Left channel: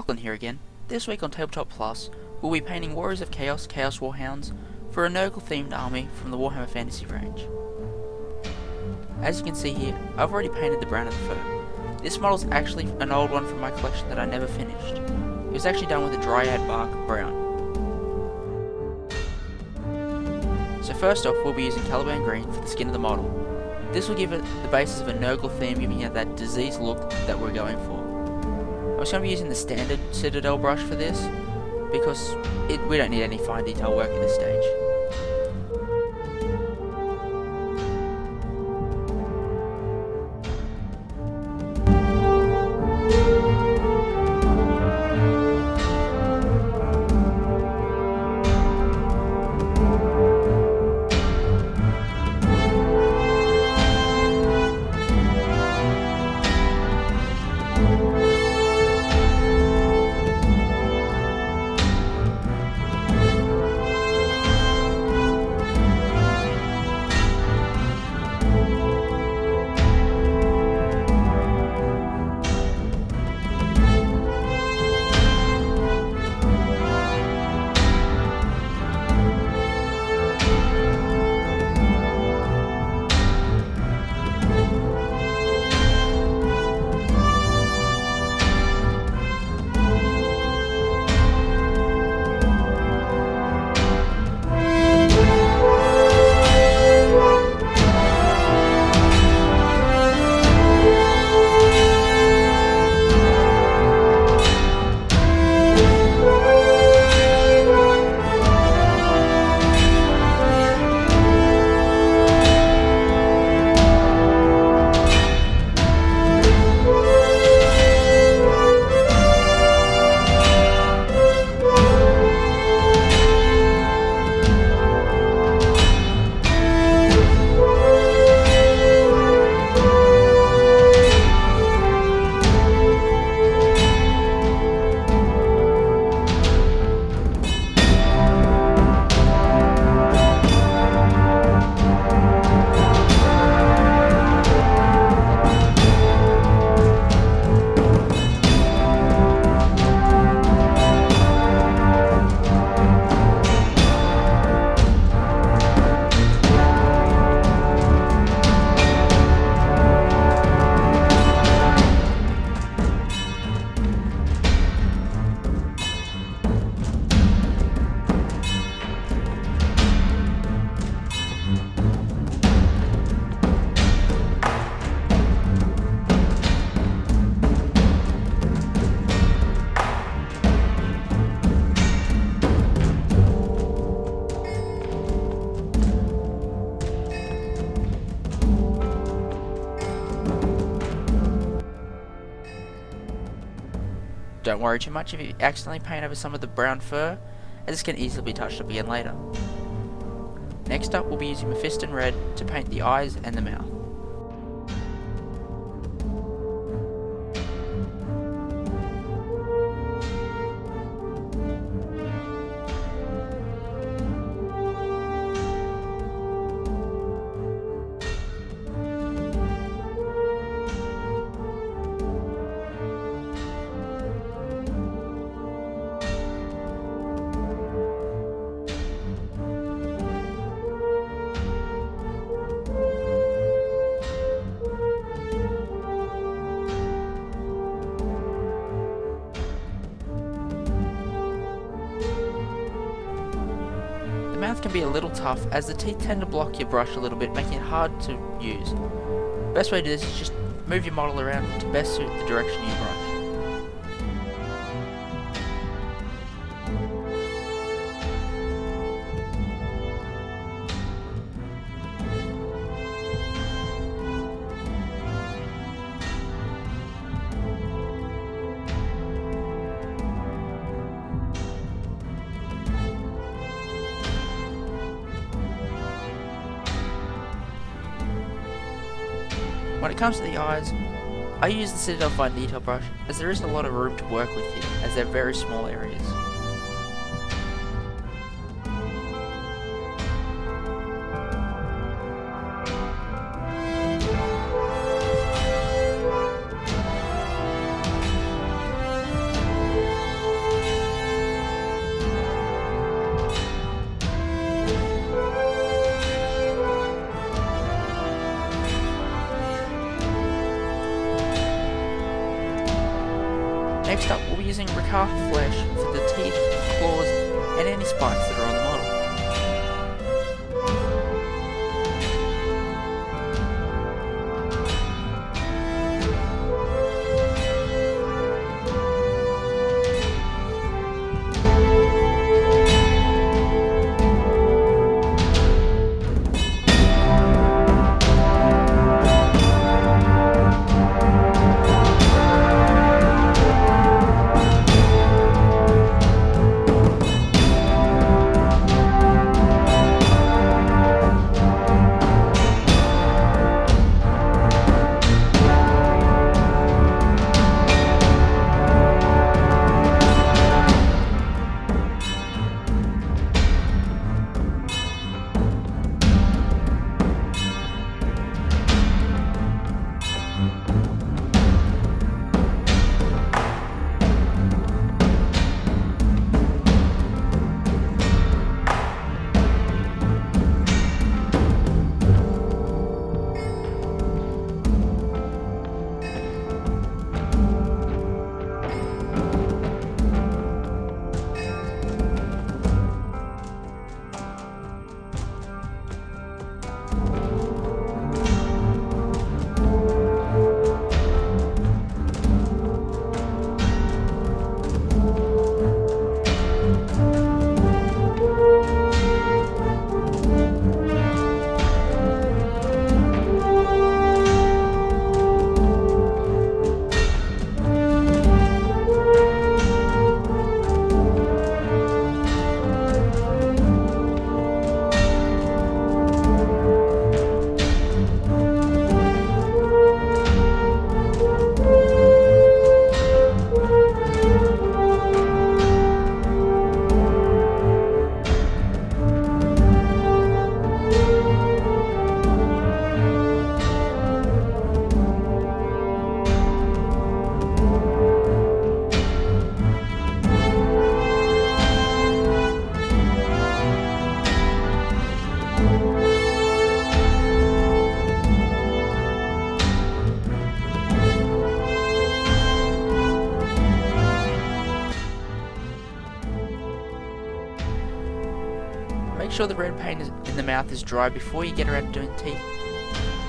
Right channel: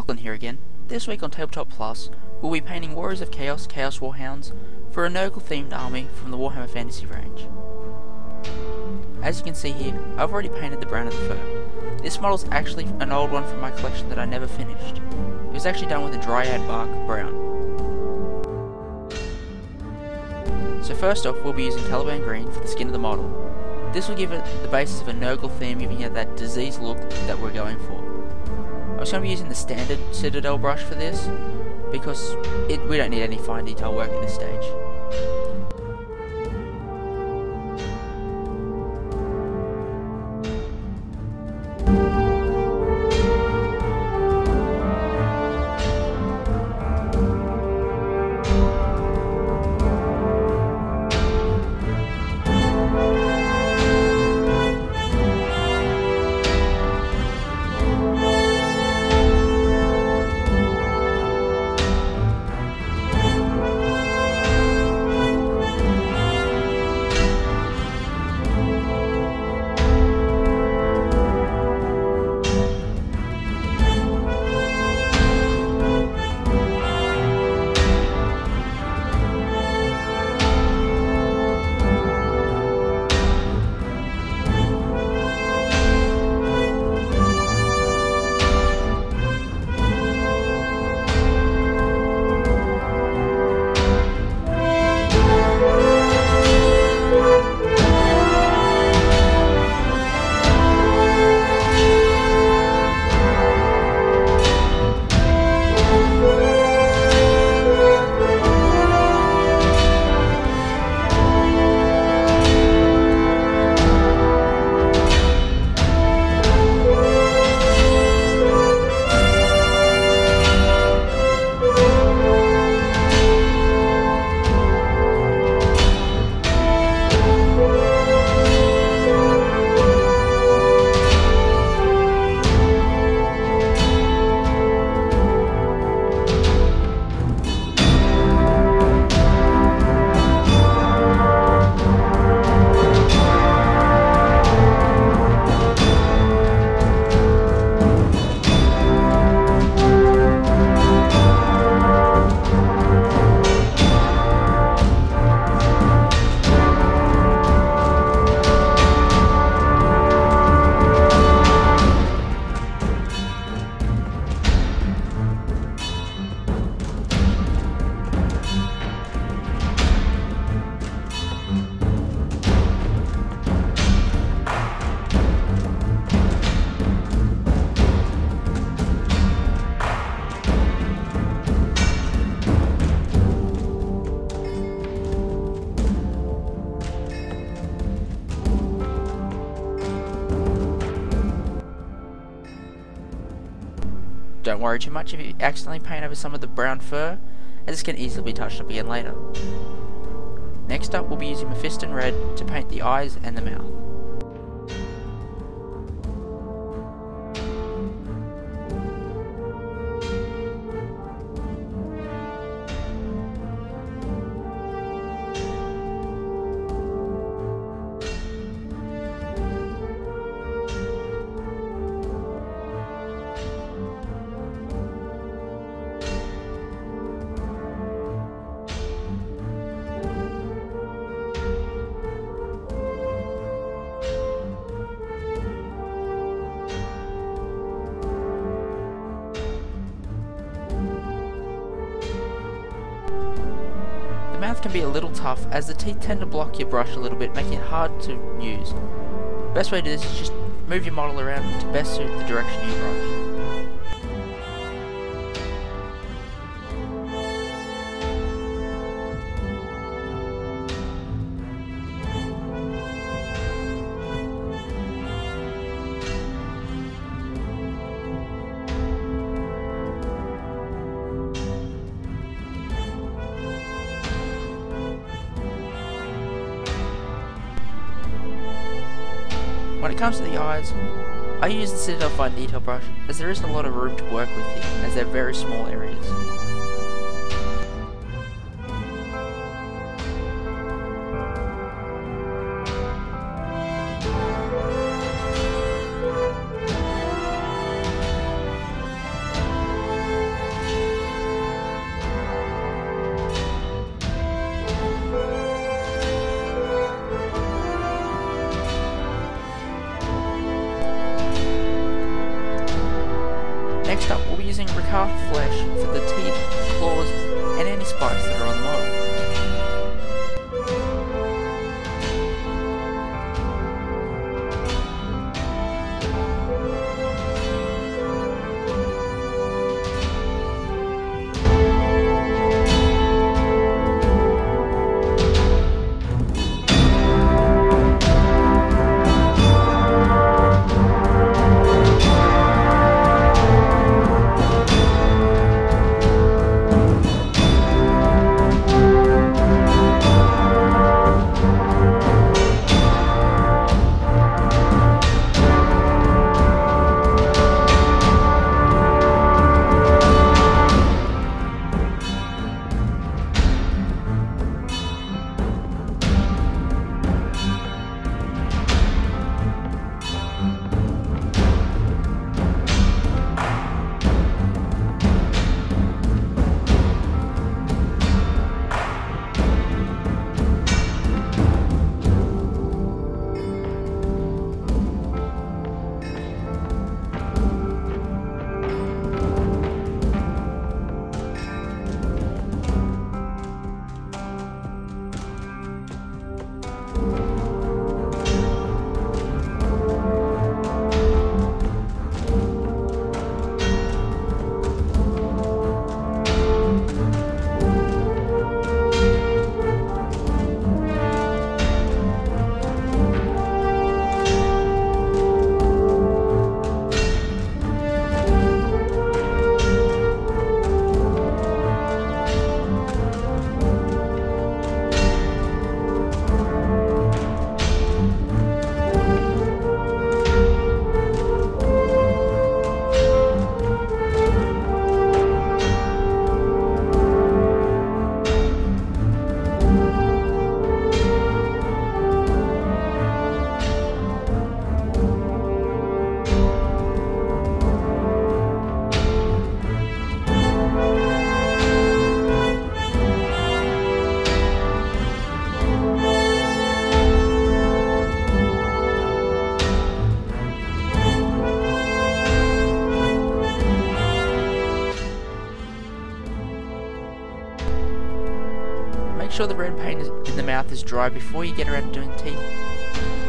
Lachlan here again. This week on Tabletop Plus, we'll be painting Warriors of Chaos, Chaos Warhounds for a Nurgle themed army from the Warhammer Fantasy Range. As you can see here, I've already painted the brown of the fur. This model is actually an old one from my collection that I never finished. It was actually done with a dryad bark brown. So first off, we'll be using Caliban Green for the skin of the model. This will give it the basis of a Nurgle theme, giving it that diseased look that we're going for. I was going to be using the standard Citadel brush for this, because we don't need any fine detail work at this stage. Don't worry too much if you accidentally paint over some of the brown fur, as this can easily be touched up again later. Next up, we'll be using Mephiston Red to paint the eyes and the mouth. The mouth can be a little tough as the teeth tend to block your brush a little bit, making it hard to use. Best way to do this is just move your model around to best suit the direction you brush. When it comes to the eyes, I use the Citadel Fine Detail brush as there isn't a lot of room to work with here, as they're very small areas. Next up, we'll be using recarved flesh for the teeth, claws, and any spikes that are on the model. Make sure the red paint in the mouth is dry before you get around to doing teeth,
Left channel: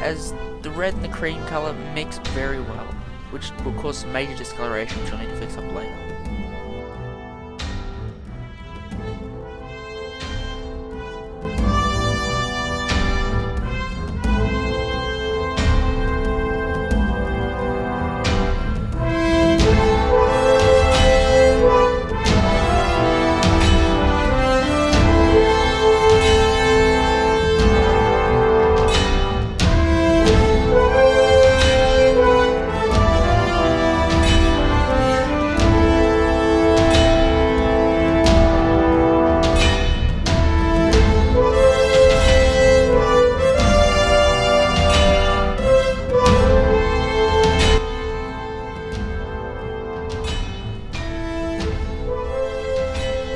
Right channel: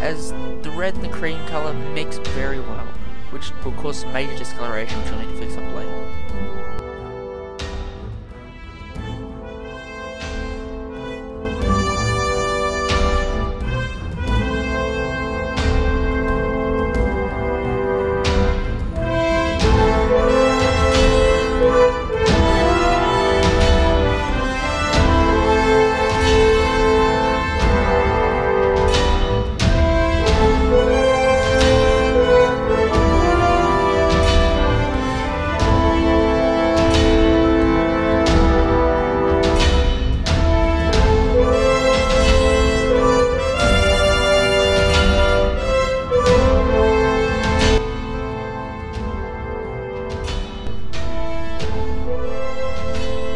as the red and the cream colour mix very well, which will cause some major discoloration which you'll need to fix up later.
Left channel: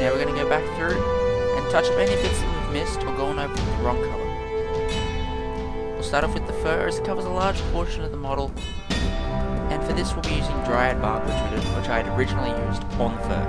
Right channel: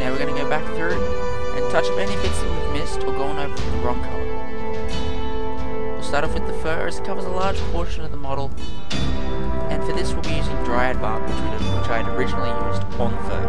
Now we're going to go back through and touch up any bits that we've missed or gone over with the wrong colour. We'll start off with the fur, as it covers a large portion of the model, and for this we'll be using dryad bark, which I had originally used on the fur.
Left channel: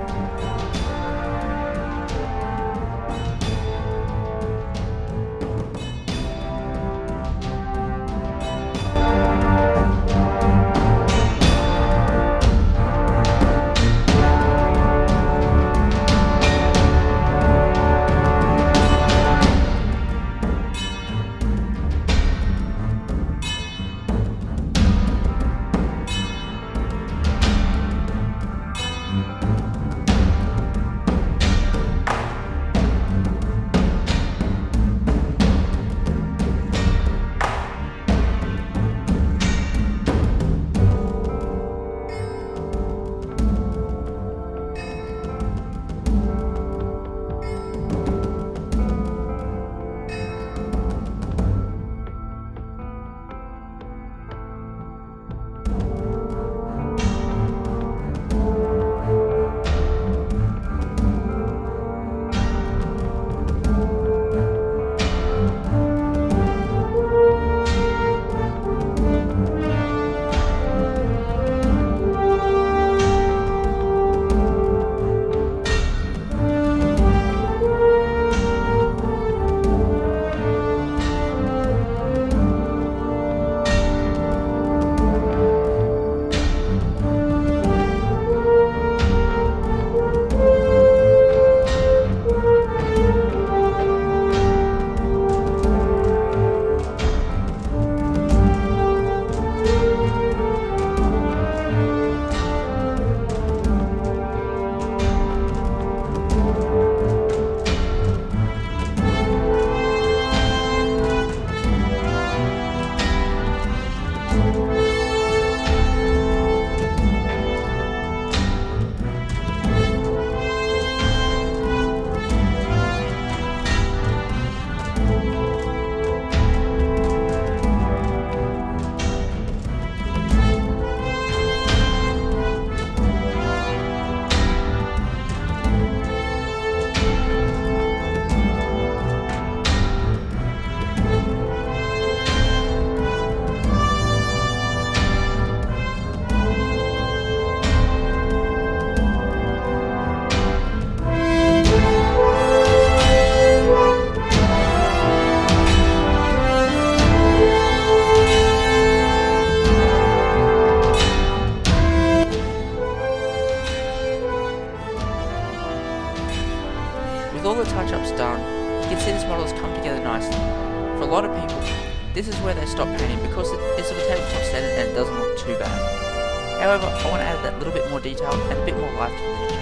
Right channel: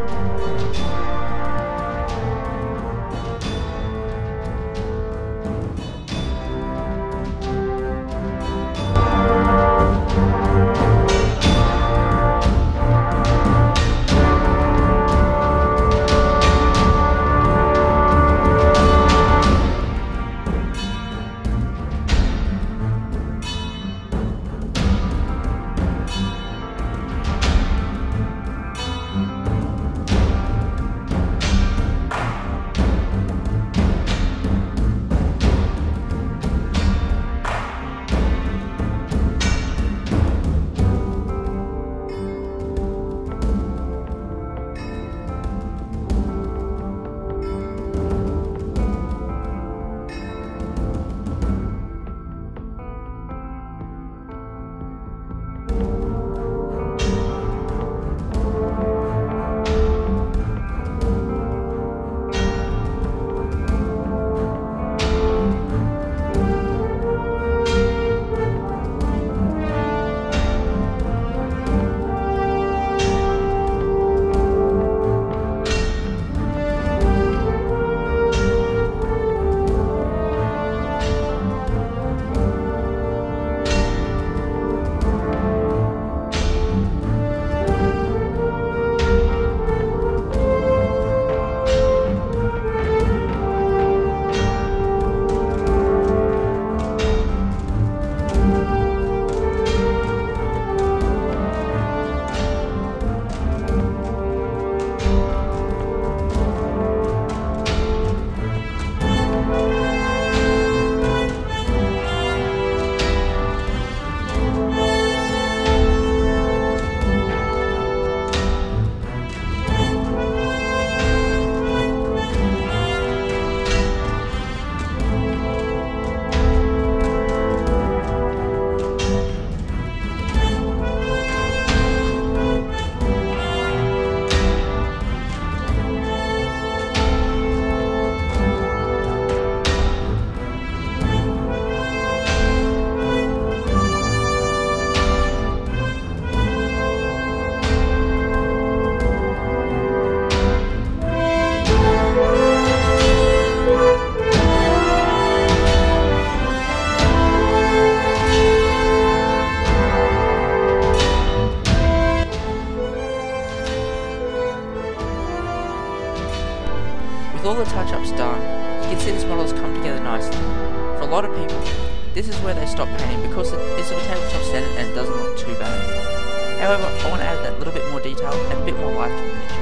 With all the touch-ups done, you can see this model has come together nicely. For a lot of people, this is where they stop painting because it's of a tabletop standard and it doesn't look too bad. However, I want to add that little bit more detail and a bit more life to the miniature.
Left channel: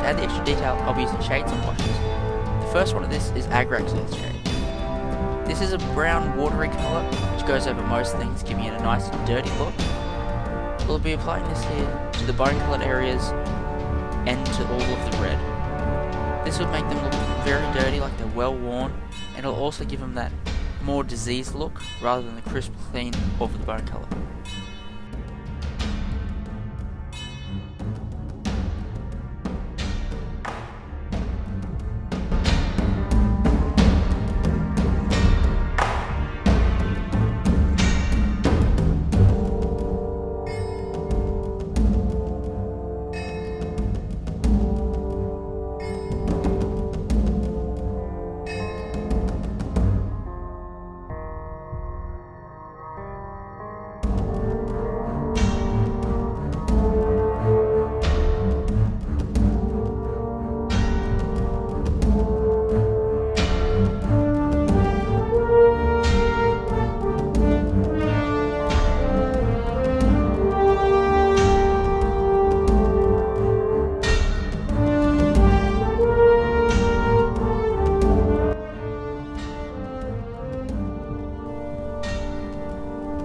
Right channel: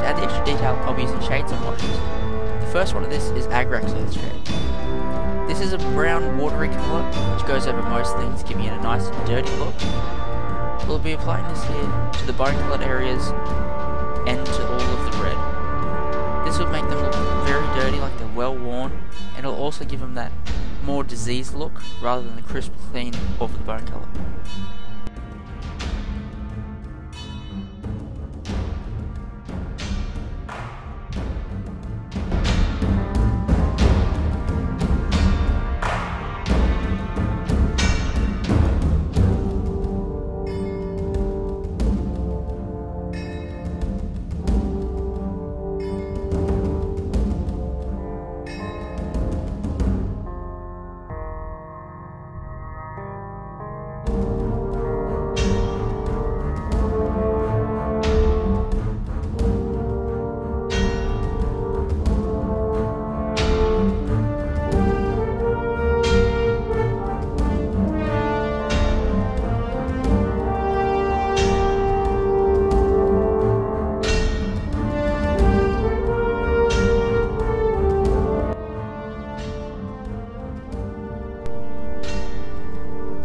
To add the extra detail, I'll be using shades and washes. The first one of this is Agrax Earthquake. This is a brown watery colour which goes over most things, giving it a nice dirty look. We'll be applying this here to the bone coloured areas and to all of the red. This would make them look very dirty, like they're well worn, and it'll also give them that more diseased look rather than the crisp clean of the bone colour.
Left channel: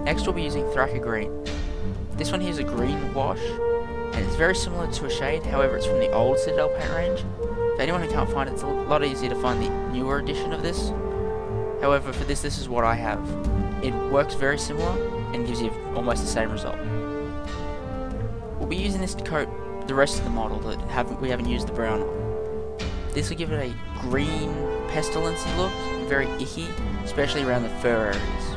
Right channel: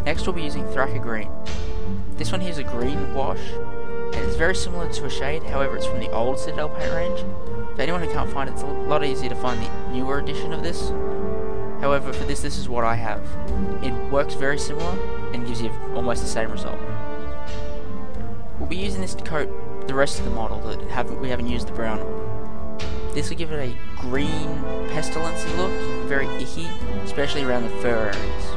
Next we'll be using Threaker Green. This one here is a green wash, and it's very similar to a shade, however it's from the old Citadel paint range. For anyone who can't find it, it's a lot easier to find the newer edition of this. However, for this is what I have. It works very similar, and gives you almost the same result. We'll be using this to coat the rest of the model that we haven't used the brown on. This will give it a green, pestilency look, very icky, especially around the fur areas.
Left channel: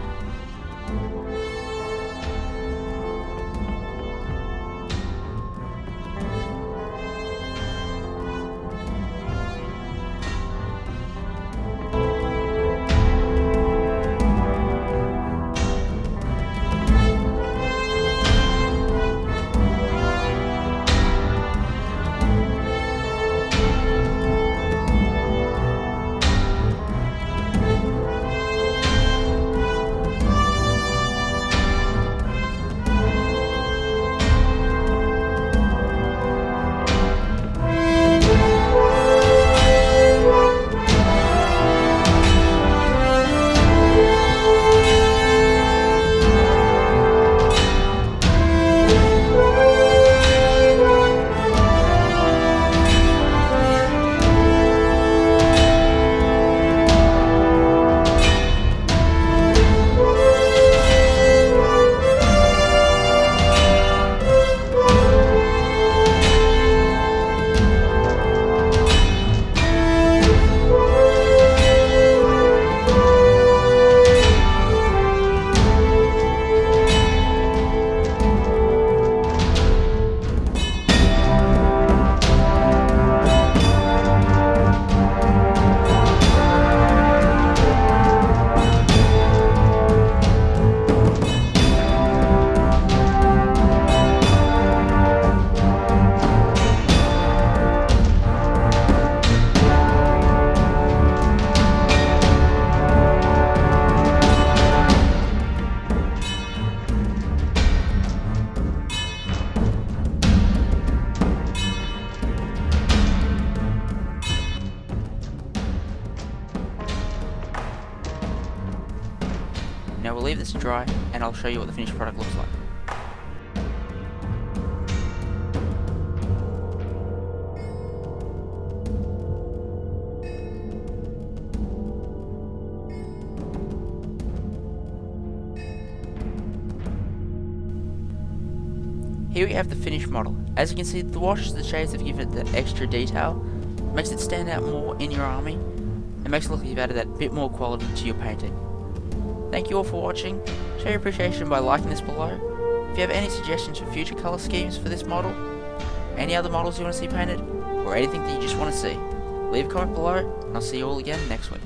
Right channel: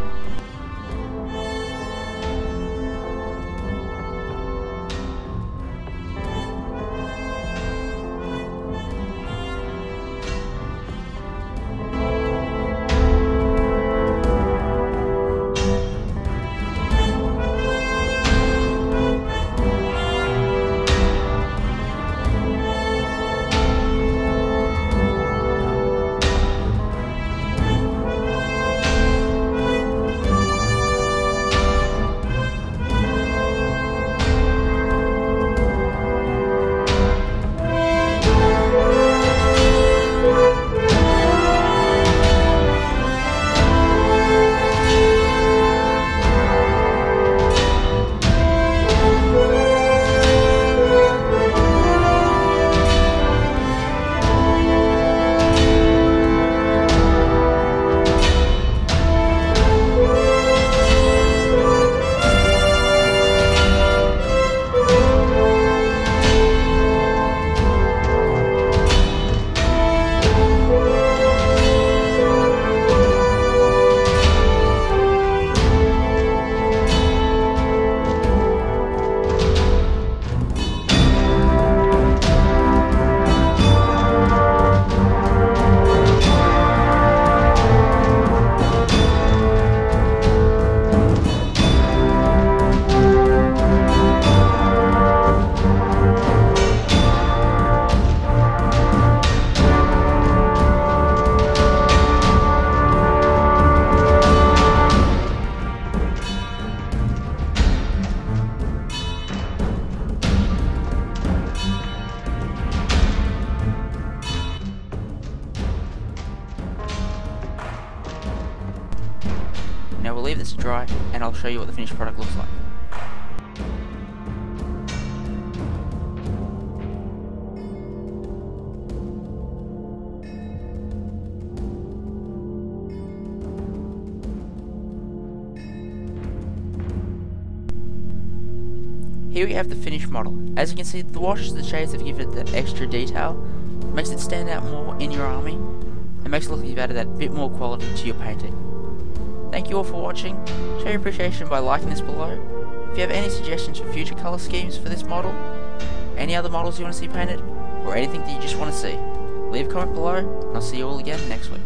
Now we'll leave this to dry, and I'll show you what the finished product looks like. Here we have the finished model. As you can see, the washes and the shades have given it the extra detail, makes it stand out more in your army, and makes it look like you've added that bit more quality to your painting. Thank you all for watching. Show your appreciation by liking this below, If you have any suggestions for future colour schemes for this model, any other models you want to see painted, or anything that you just want to see, leave a comment below, and I'll see you all again next week.